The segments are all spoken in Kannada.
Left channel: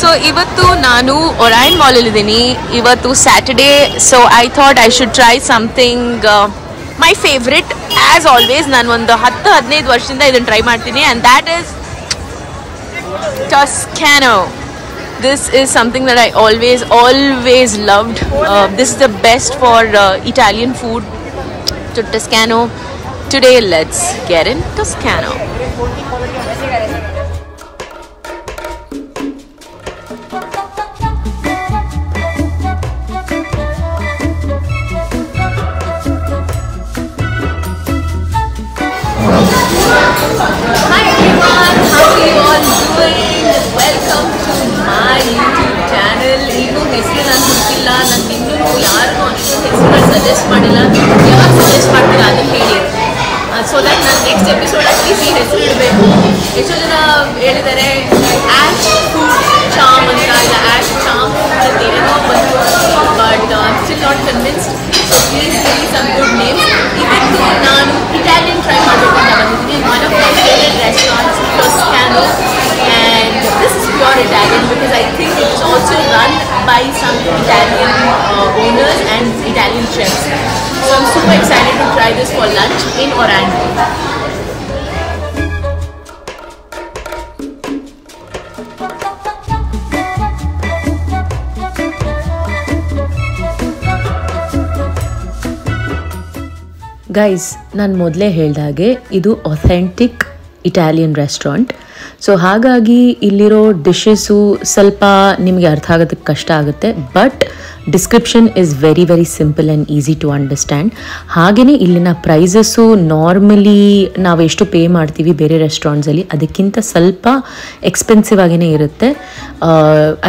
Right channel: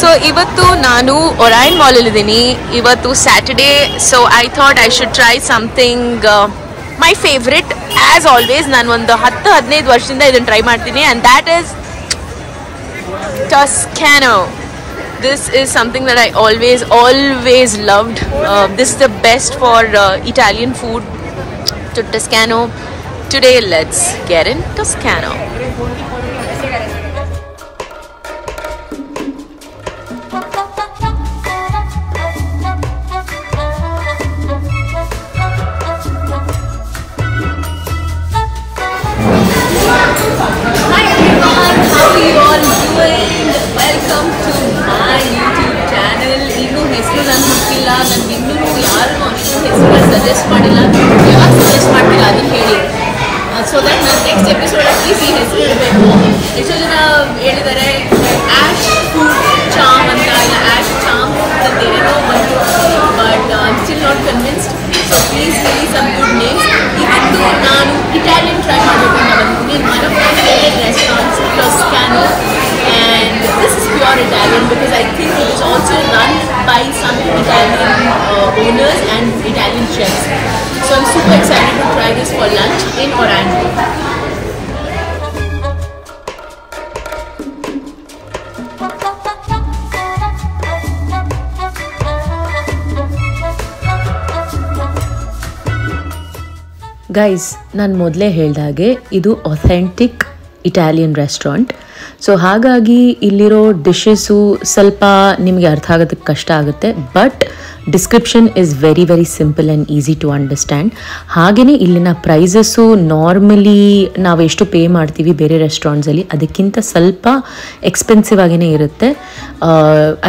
So ಇವತ್ತು ನಾನು ಒರೈನ್ ಮಾಲ್ ಅಲ್ಲಿ ಇದೀನಿ. ಇವತ್ತು Saturday, so I thought I should try something my favourite. As always ನಾನು ಒಂದು 10-15 ವರ್ಷದಿಂದ ಇದನ್ನ ಟ್ರೈ ಮಾಡ್ತೀನಿ, and that is Toscano. This is something that I always loved. This is the best for Italian food. To Toscano. Today let's get in Toscano. Welcome to my YouTube channel. Igu hesru nan hukkilla, nange innೂ ಯಾರಿಗೂ ಅಷ್ಟು ಹೆಸರು ಸಜೆಸ್ಟ್ ಮಾಡಿಲ್ಲ. ಯಾರು ಸಜೆಸ್ಟ್ ಮಾಡ್ತೀರಾ ಅದನ್ನ ಹೇಳಿ. ಸೊ ದಟ್ ನಾನು ನೆಕ್ಸ್ಟ್ ಎಪಿಸೋಡ್ ಅಲ್ಲಿ ಈ ಹೆಸರು ಇಡಬೇಕು. ಎಷ್ಟೋ ಜನ ಹೇಳಿದ್ದಾರೆ ಆಶ್ ಫುಡ್ ಚಾಮ್ ಅಂತ, ಇಲ್ಲ ಆಶ್ ಚಾಮ್ ಅಂತ ಏನೋ ಬಂತು, but still not convinced. So please give me some good names. ಇವತ್ತು ನಾನು ಇಟಾಲಿಯನ್ ಟ್ರೈ ಮಾಡಬೇಕು ಅಂತ ಬಂದಿದ್ದೀನಿ. One of my favourite restaurants Toscano, and this is pure Italian because I think it is also run by some Italian owners and Italian chefs. So I'm super excited to try this for lunch in Orlando. Guys, ನಾನು ಮೊದಲೇ ಹೇಳ್ದ ಹಾಗೆ ಇದು ಅಥೆಂಟಿಕ್ ಇಟಾಲಿಯನ್ ರೆಸ್ಟೋರೆಂಟ್. ಸೊ ಹಾಗಾಗಿ ಇಲ್ಲಿರೋ ಡಿಶಸ್ಸು ಸ್ವಲ್ಪ ನಿಮಗೆ ಅರ್ಥ ಆಗೋದಕ್ಕೆ ಕಷ್ಟ ಆಗುತ್ತೆ, but description is very very simple and easy to understand. ಹಾಗೆಯೇ ಇಲ್ಲಿನ ಪ್ರೈಸಸ್ಸು ನಾರ್ಮಲಿ ನಾವು ಎಷ್ಟು ಪೇ ಮಾಡ್ತೀವಿ ಬೇರೆ ರೆಸ್ಟೋರೆಂಟ್ಸಲ್ಲಿ ಅದಕ್ಕಿಂತ ಸ್ವಲ್ಪ ಎಕ್ಸ್ಪೆನ್ಸಿವ್ ಆಗೇ ಇರುತ್ತೆ.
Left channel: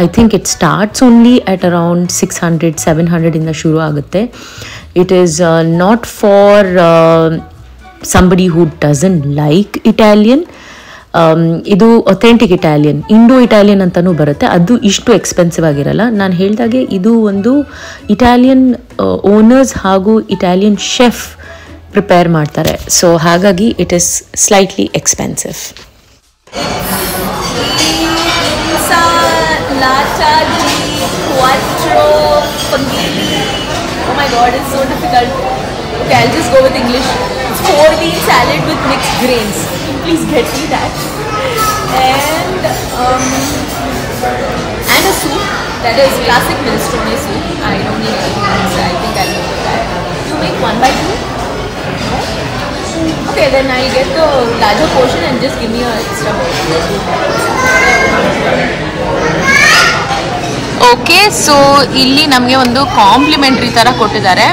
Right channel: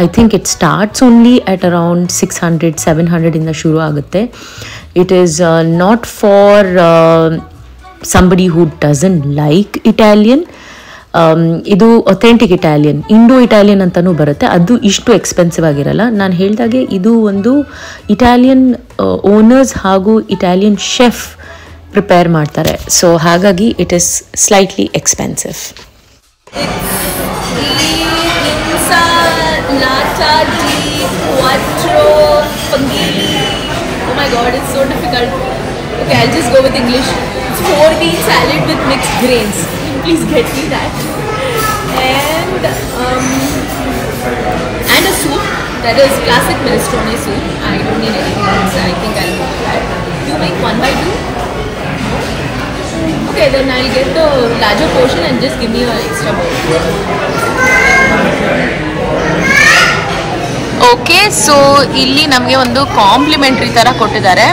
I think it starts only at around 600-700 ಶುರು ಆಗುತ್ತೆ. It is not for somebody who doesn't like Italian. ಇದು ಅಥೆಂಟಿಕ್ ಇಟಾಲಿಯನ್, ಇಂಡೋ ಇಟಾಲಿಯನ್ ಅಂತಲೂ ಬರುತ್ತೆ. ಅದು ಇಷ್ಟು ಎಕ್ಸ್ಪೆನ್ಸಿವ್ ಆಗಿರಲ್ಲ. ನಾನು ಹೇಳಿದಾಗೆ ಇದು ಒಂದು ಇಟಾಲಿಯನ್ ಓನರ್ಸ್ ಹಾಗೂ ಇಟಾಲಿಯನ್ ಶೆಫ್ ಪ್ರಿಪೇರ್ ಮಾಡ್ತಾರೆ. ಸೊ ಹಾಗಾಗಿ it is slightly expensive. Oh my god, it's so difficult. Okay, I'll just go with English. 4-bean salad with mixed grains. Please get me that. And a soup that is classic minestrone soup. I don't need anything else. I think I'll go with that. You make 1 by 2? No? Okay, then I'll get the larger portion and just give me an extra portion. Okay, so ಇಲ್ಲಿ ನಮಗೆ ಒಂದು ಕಾಂಪ್ಲಿಮೆಂಟರಿ ತರ ಕೊಟ್ಟಿದ್ದಾರೆ.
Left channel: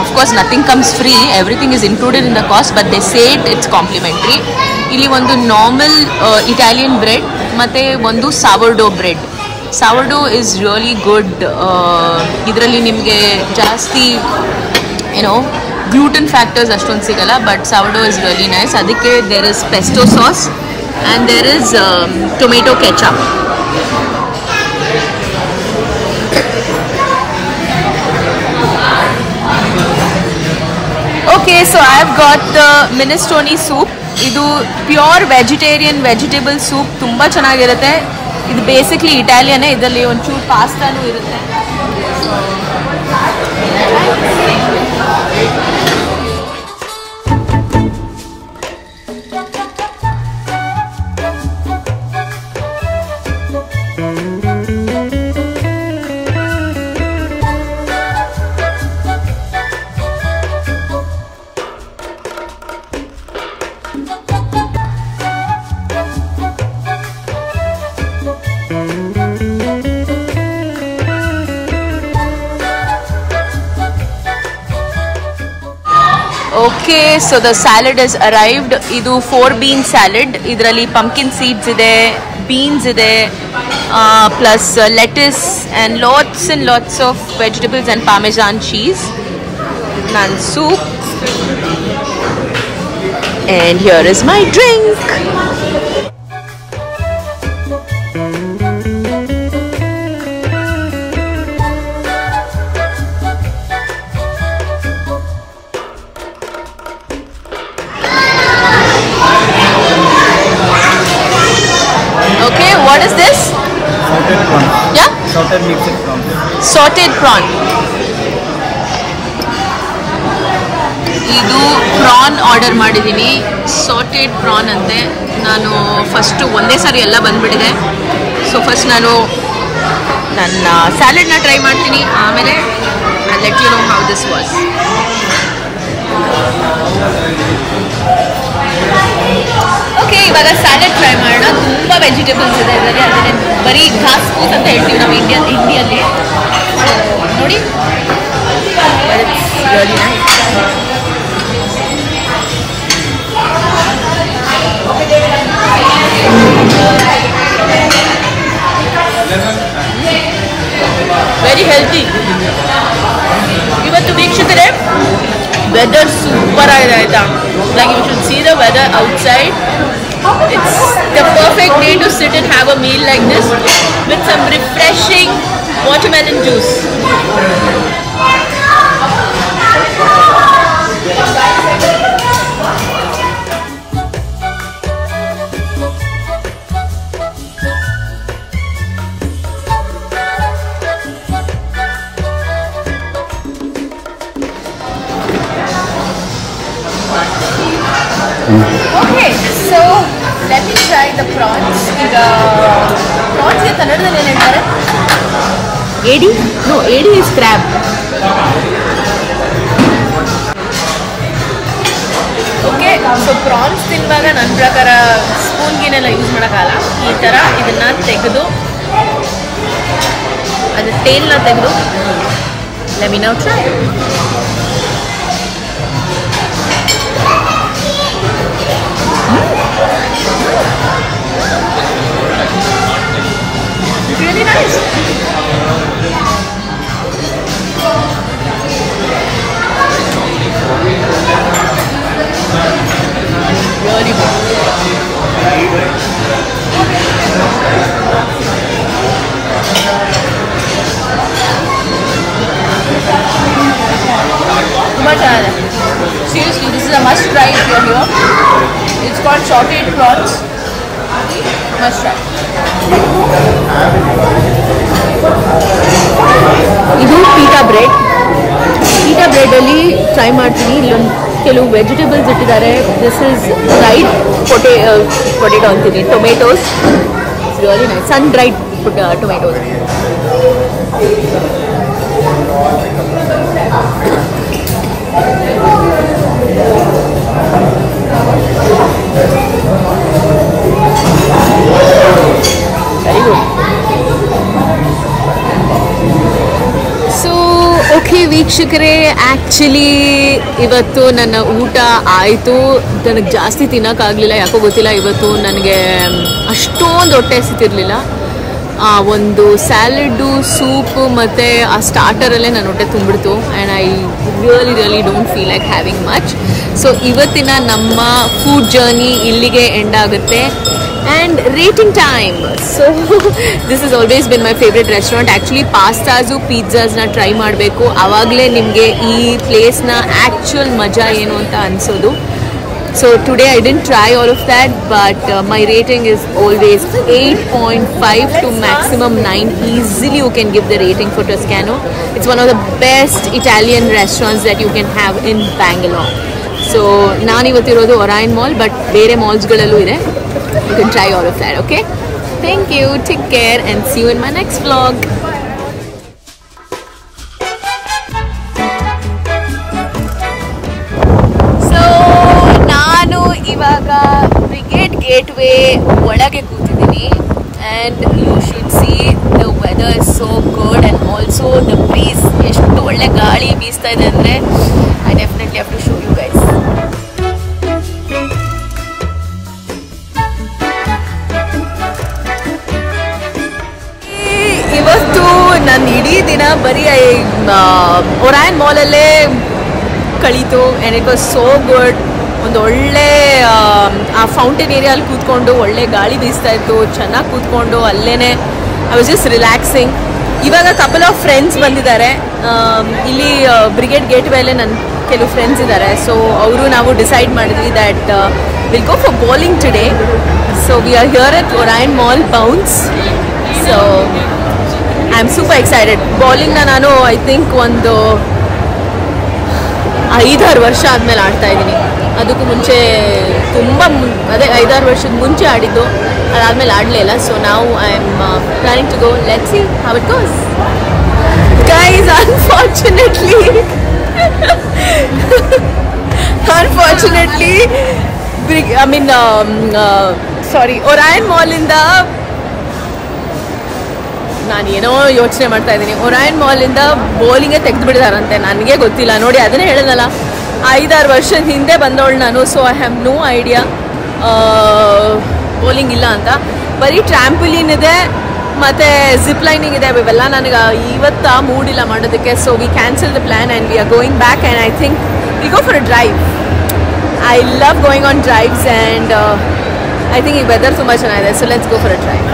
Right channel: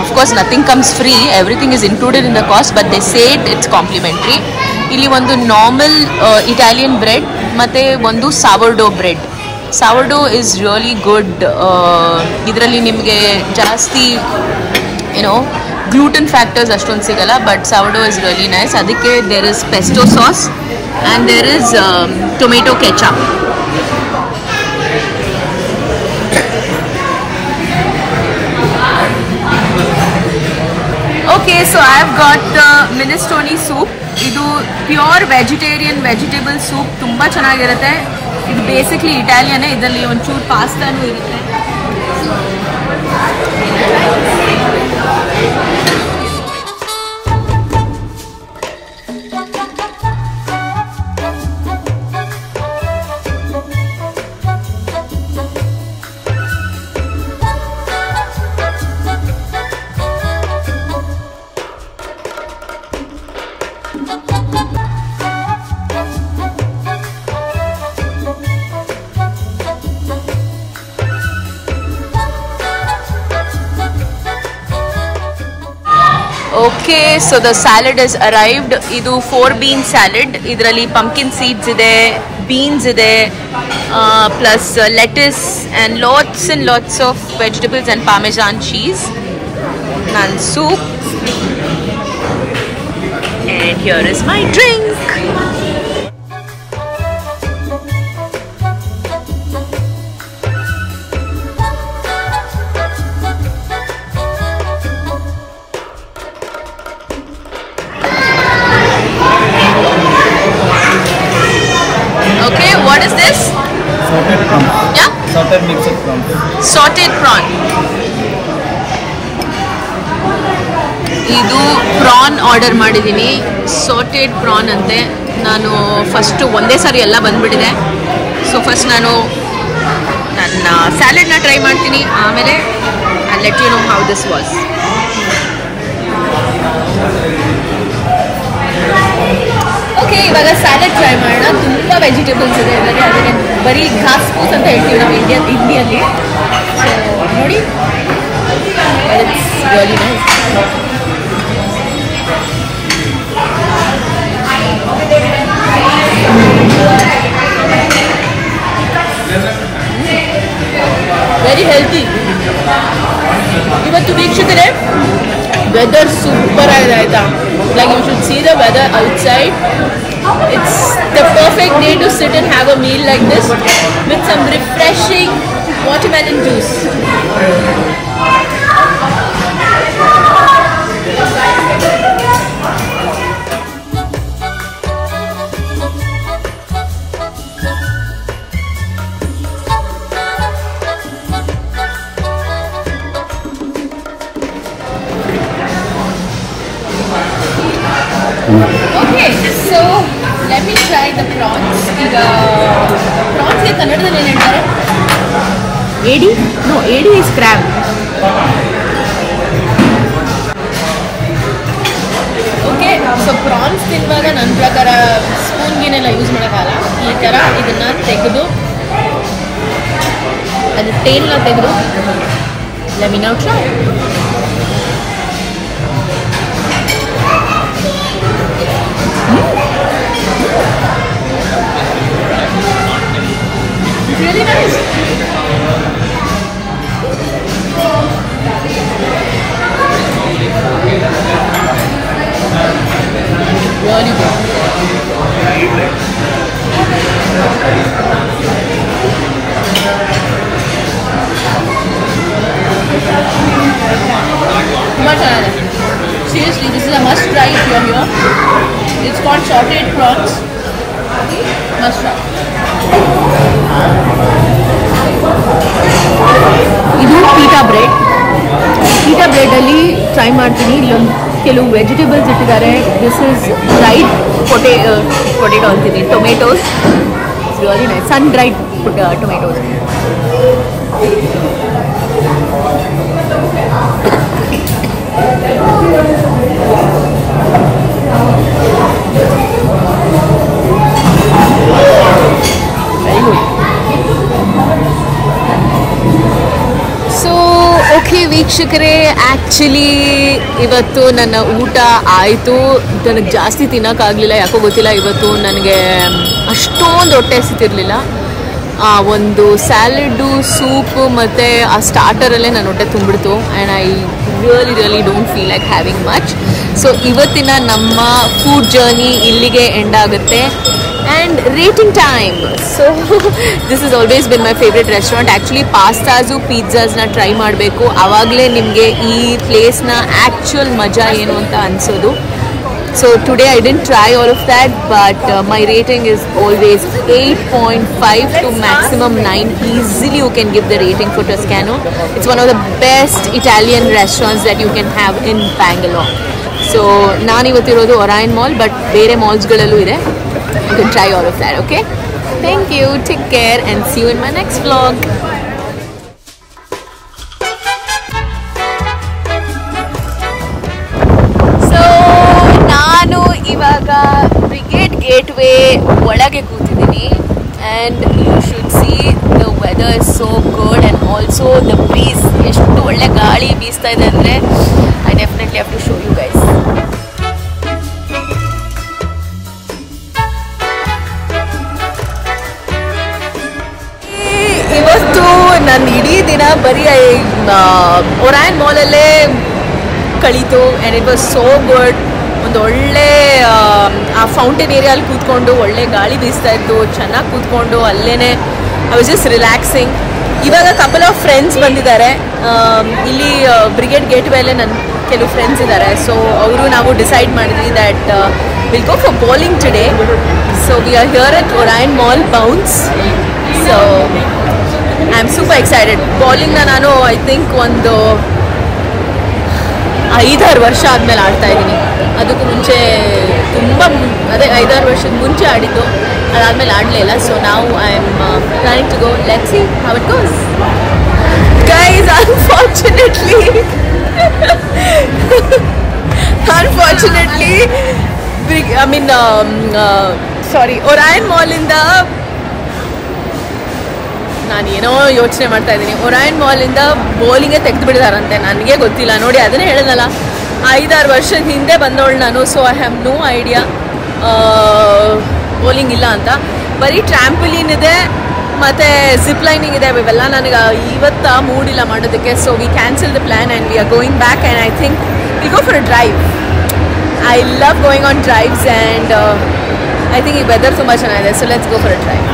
Of course nothing comes free, everything is included in the cost, but they say it's complimentary. ಇಲ್ಲಿ ಒಂದು ನಾರ್ಮಲ್ ಇಟಾಲಿಯನ್ ಬ್ರೆಡ್ ಮತ್ತೆ ಒಂದು ಸಾವರ್ಡೋ ಬ್ರೆಡ್. ಸಾವರ್ಡೋ is really good. ಇದರಲ್ಲಿ ನಿಮಗೆ ಜಾಸ್ತಿ ಏನೋ ಗ್ಲೂಟನ್ ಫ್ಯಾಕ್ಟರ್ಸ್ ಅಷ್ಟೊಂದು ಸಿಗಲ್ಲ, ಬಟ್ ಸಾವರ್ಡೋ is really nice. ಅದಕ್ಕೆ there is pesto sauce and there is tomato ketchup. Okay, so I've got the minestrone soup. ಇದು ಪ್ಯೂರ್ ವೆಜಿಟೇರಿಯನ್ ವೆಜಿಟೇಬಲ್ ಸೂಪ್, ತುಂಬ ಚೆನ್ನಾಗಿರುತ್ತೆ. ಇದು ಬೇಸಿಕ್ಲಿ ಇಟಾಲಿಯನ್, ಇದರಲ್ಲಿ ಒಂಚೂರು ಪಾಸ್ತಾನೂ ಇರುತ್ತೆ. Okay, so the salad has arrived. ಇದು 4-bean salad. ಇದರಲ್ಲಿ pumpkin seeds ಇದೆ, beans ಇದೆ, plus lettuce and lots of vegetables and parmesan cheese. And soup. and here is my drink. Okay, what is this? Salted prawn. Yeah? Salted mixed prawn. Salted prawn. ಇದು ಪ್ರಾನ್ ಆರ್ಡರ್ ಮಾಡಿದ್ದೀನಿ. ಸಾಟೆಡ್ ಪ್ರಾನ್ ಅಂತೆ. ನಾನು ಫಸ್ಟು ಒಂದೇ ಸಾರಿ ಎಲ್ಲ ಬಂದ್ಬಿಟ್ಟಿದೆ. ಸೊ ಫಸ್ಟ್ ನಾನು ನನ್ನ ಸ್ಯಾಲೆಡ್ನ ಟ್ರೈ ಮಾಡ್ತೀನಿ, ಆಮೇಲೆ I let you know how this was. Okay, ಇವಾಗ ಸ್ಯಾಲೆಡ್ ಟ್ರೈ ಮಾಡೋಣ. ತುಂಬ ವೆಜಿಟೇಬಲ್ಸ್ ಇದೆ ಇದರಲ್ಲಿ. ಅದನ್ನೇ ಬರೀ ಘಾಸ್ ಫೂಸ್ ಅಂತ ಹೇಳ್ತೀವಿ ನಾವು ಇಂಡಿಯಲ್ಲಿ. ಸೊ ನೋಡಿ, it's really nice. Very healthy. ಇವತ್ತು ವೀಕ್ಷಕರೇ ವೆದರ್ ಸೂಪರ್ ಆಗಿದೆ ಆಯ್ತಾ. Like you should see the weather outside. It's the perfect day to sit and have a meal like this with some refreshing watermelon juice. Okay, so let me try the prawns. The prawns ಗೆ ಕನ್ನಡದಲ್ಲಿ ಏನು ಹೇಳ್ತಾರೆ? ಏಡಿ? No, ಏಡಿ is crab. Okay, so prawns ತಿನ್ನುವಾಗ ನನ್ನ ಪ್ರಕಾರ ಸ್ಪೂನ್ಗಿನೆಲ್ಲ ಯೂಸ್ ಮಾಡೋಕ್ಕಾಗಲ್ಲ. ಈ ಥರ ಇದನ್ನು ತೆಗೆದು ಅದರ ಟೇಲ್ನ ತೆಗೆದು let me now try. Really nice. Really good. Seriously, this is a must try if you're here. It's called sauteed prawns. Must try. ಇದು ಪೀಟಾ ಬ್ರೆಡ್. ಪೀಟಾ ಬ್ರೆಡಲ್ಲಿ ಟ್ರೈ ಮಾಡ್ತೀನಿ. ಇಲ್ಲೊಂದು ಕೆಲವು ವೆಜಿಟೇಬಲ್ಸ್ ಇಟ್ಟಿದ್ದಾರೆ. ದಿಸ್ ಇಸ್ ಡ್ರೈಡ್ ಪೊಟೇಟೋ ಅಂತೀನಿ, tomatoes. It's really nice. Sun dried tomatoes. Very good. So okay ವೀಕ್ಷಕರೇ, ಆ್ಯಕ್ಚುಲಿ ಇವತ್ತು ನನ್ನ ಊಟ ಆಯಿತು. ನನಗೆ ಜಾಸ್ತಿ ತಿನ್ನೋಕ್ಕಾಗಲಿಲ್ಲ, ಯಾಕೋ ಗೊತ್ತಿಲ್ಲ. ಇವತ್ತು ನನಗೆ ಅಷ್ಟೊಂದು ಹೊಟ್ಟೆ ಹಸಿತಿರ್ಲಿಲ್ಲ. ಒಂದು ಸ್ಯಾಲೆಡ್ಡು, ಸೂಪು ಮತ್ತು ಆ ಸ್ಟಾರ್ಟರಲ್ಲೇ ನನ್ನ ಹೊಟ್ಟೆ ತುಂಬಿಡ್ತು. And I really don't feel like having much. So ಇವತ್ತಿನ ನಮ್ಮ ಫುಡ್ ಜರ್ನಿ ಇಲ್ಲಿಗೆ ಎಂಡ್ ಆಗುತ್ತೆ. And rating time. So this has always been my favorite restaurant. Actually pastas, pizzas na try ಮಾಡಬೇಕು. ಆವಾಗಲೇ ನಿಮಗೆ ಈ ಪ್ಲೇಸ್ನ ಆ್ಯಕ್ಚುಯಲ್ ಮಜಾ ಏನು ಅಂತ ಅನಿಸೋದು. So today I didn't try all of that, but my rating is always 8.5 to maximum 9. Easily you can give the rating for Toscano. It's one of the best Italian restaurants that you can have in Bangalore. So ನಾನು ಇವತ್ತಿರೋದು ಒರಾಯನ್ ಮಾಲ್, ಬಟ್ ಬೇರೆ ಮಾಲ್ಸ್ಗಳಲ್ಲೂ ಇದೆ. You can try all of that, okay? Thank you, take care, and see you in my next vlog. So, ನಾನು ಇವಾಗ ಬ್ರಿಗೇಡ್ ಗೇಟ್ವೇ ಒಳಗೆ ಕೂತಿದ್ದೀನಿ, and you should see the weather is so good, and also the breeze. ಎಷ್ಟು ಒಳ್ಳೆ ಗಾಳಿ ಬೀಸ್ತಾ ಇದೆ ಅಂದರೆ I definitely have to show you guys. ಇವತ್ತು ನನ್ನ ಇಡೀ ದಿನ ಬರೀ ಒರಾಯನ್ ಮಾಲಲ್ಲೇ ಕಳೀತು. And it was so good. ಒಂದು ಒಳ್ಳೆ ಆ ಫೌಂಟೇನ್ ಏರಿಯಲ್ಲಿ ಕೂತ್ಕೊಂಡು ಒಳ್ಳೆ ಗಾಳಿ ಬೀಸ್ತಾ ಇತ್ತು, ಚೆನ್ನಾಗಿ ಕೂತ್ಕೊಂಡು ಅಲ್ಲೇ ಐ ವಾಸ್ ಜಸ್ಟ್ ರಿಲ್ಯಾಕ್ಸಿಂಗ್. ಇವಾಗ ಕಪಲ್ ಆಫ್ ಫ್ರೆಂಡ್ಸ್ ಬಂದಿದ್ದಾರೆ ಇಲ್ಲಿ ಬ್ರಿಗೇಡ್ ಗೇಟ್ ಮೇಲೆ ನನ್ನ ಕೆಲವು ಫ್ರೆಂಡ್ಸ್ ಇದ್ದಾರೆ. ಸೊ ಅವರು ನಾವು ಡಿಸೈಡ್ ಮಾಡಿದ್ವಿ that will go for bowling today. So we are here at Orion mall bounce. So I am super excited. ಬೌಲಿಂಗ್ನ ನಾನು ಐ ಥಿಂಕ್ ಒಂದು 5-6 ವರ್ಷ ಆದಮೇಲೆ ಆಡ್ತಾ ಇದ್ದೀನಿ. ಅದಕ್ಕೂ ಮುಂಚೆ ತುಂಬ ಅದೇ 5-6 ವರ್ಷದ ಮುಂಚೆ ಆಡಿದ್ದು, ಅದಾದಮೇಲೆ ಆಡಲೇ ಇಲ್ಲ. ಸೊ ನಾವು I am planning to go. Let's see how it goes. Guys, unfortunately I mean sorry, Orion ಮಾಲಿಂದ ನಾನು ಏನೋ ಯೋಚನೆ ಮಾಡ್ತಾ ಇದ್ದೀನಿ. ಒರೈನ್ ಮಾಲಿಂದ ಬೌಲಿಂಗೇ ತೆಗೆದು ಬಿಡಿದಾರಂತೆ, ನನಗೆ ಗೊತ್ತಿಲ್ಲ. ನೋಡಿ, ಅದನ್ನೇ ಹೇಳಿದ್ನಲ್ಲ, 5-6 ವರ್ಷದ ಹಿಂದೆ ಬಂದವಳು ನಾನು. So I have no idea bowling ಇಲ್ಲ ಅಂತ. ಬರೀ ಟ್ರ್ಯಾಂಪುಲಿನ್ ಇದೆ ಮತ್ತು ಜಿಪ್ ಲೈನಿಂಗ್ ಇದೆ. ಇವೆಲ್ಲ ನನಗೆ ಇವತ್ತು ಮೂಡಿಲ್ಲ ಮಾಡೋದಕ್ಕೆ. So we cancel the plan and we are going back and I think we go for a drive. I love going on drives and I think ಈ ವೆದರ್ ತುಂಬ ಚೆನ್ನಾಗಿದೆ. So let's go for a drive.